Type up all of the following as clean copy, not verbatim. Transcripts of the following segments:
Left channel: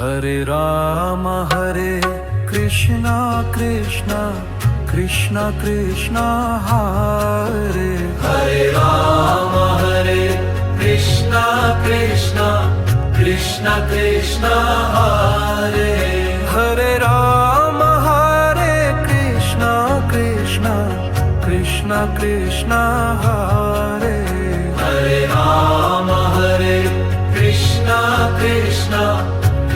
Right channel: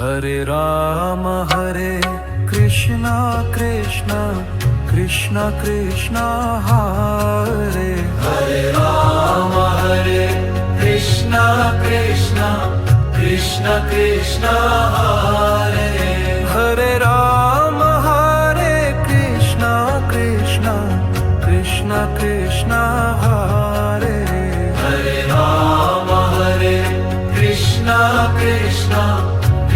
Hare Krishna Krishna Krishna Krishna Hare Ram Hare Krishna Krishna Krishna Krishna Hare Hare Ram Hare Krishna Krishna Krishna Krishna Hare Ram Hare Krishna Krishna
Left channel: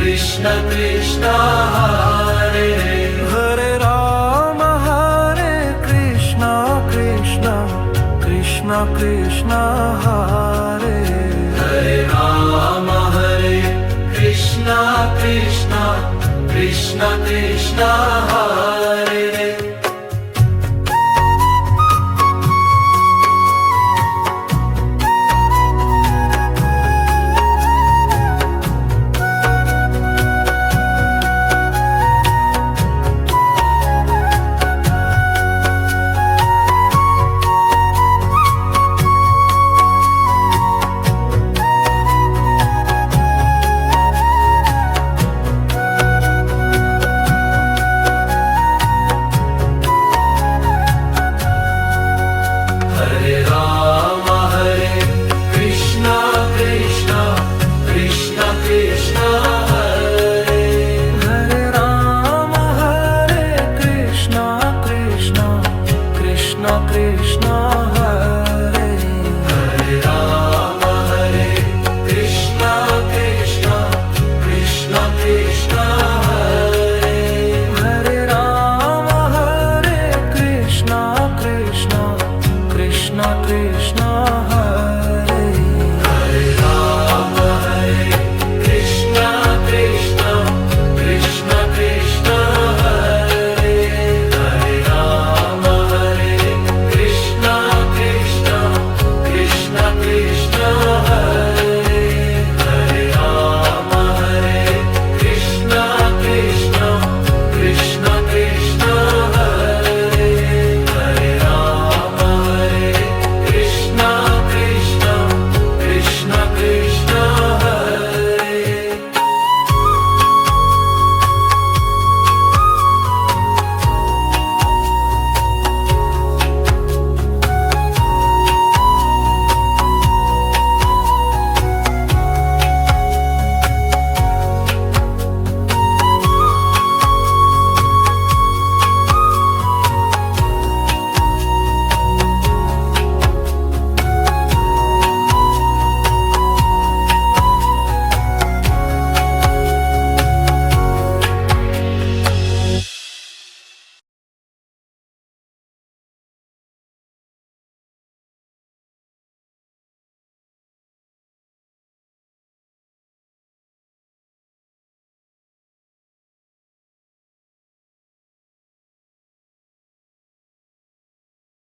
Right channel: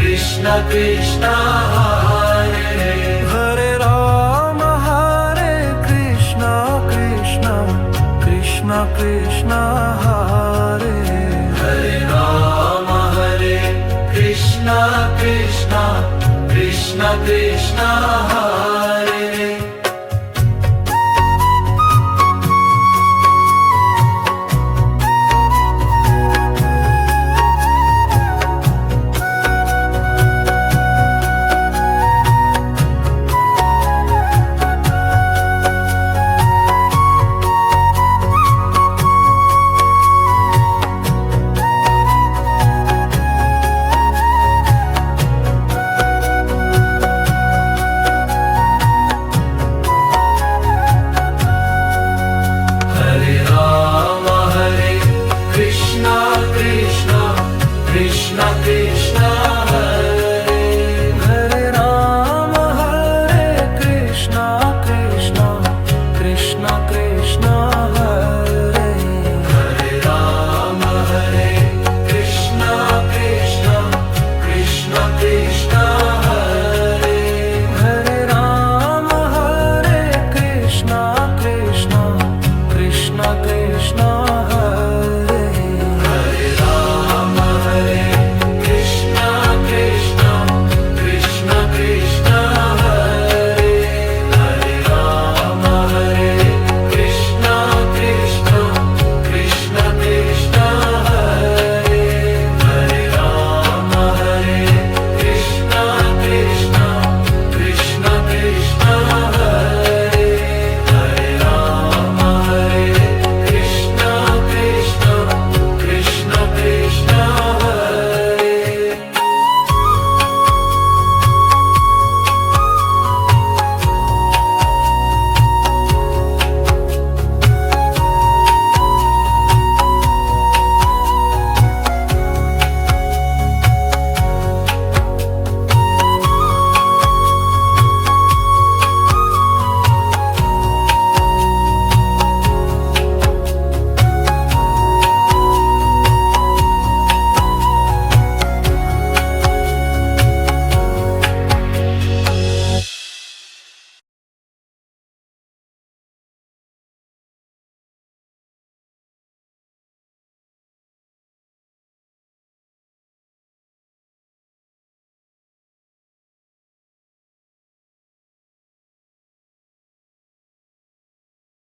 Krishna Krishna Hare Hare Ram Hare Krishna Krishna Krishna Krishna Hare Ram Hare Krishna Krishna Krishna Krishna Hare Krishna Krishna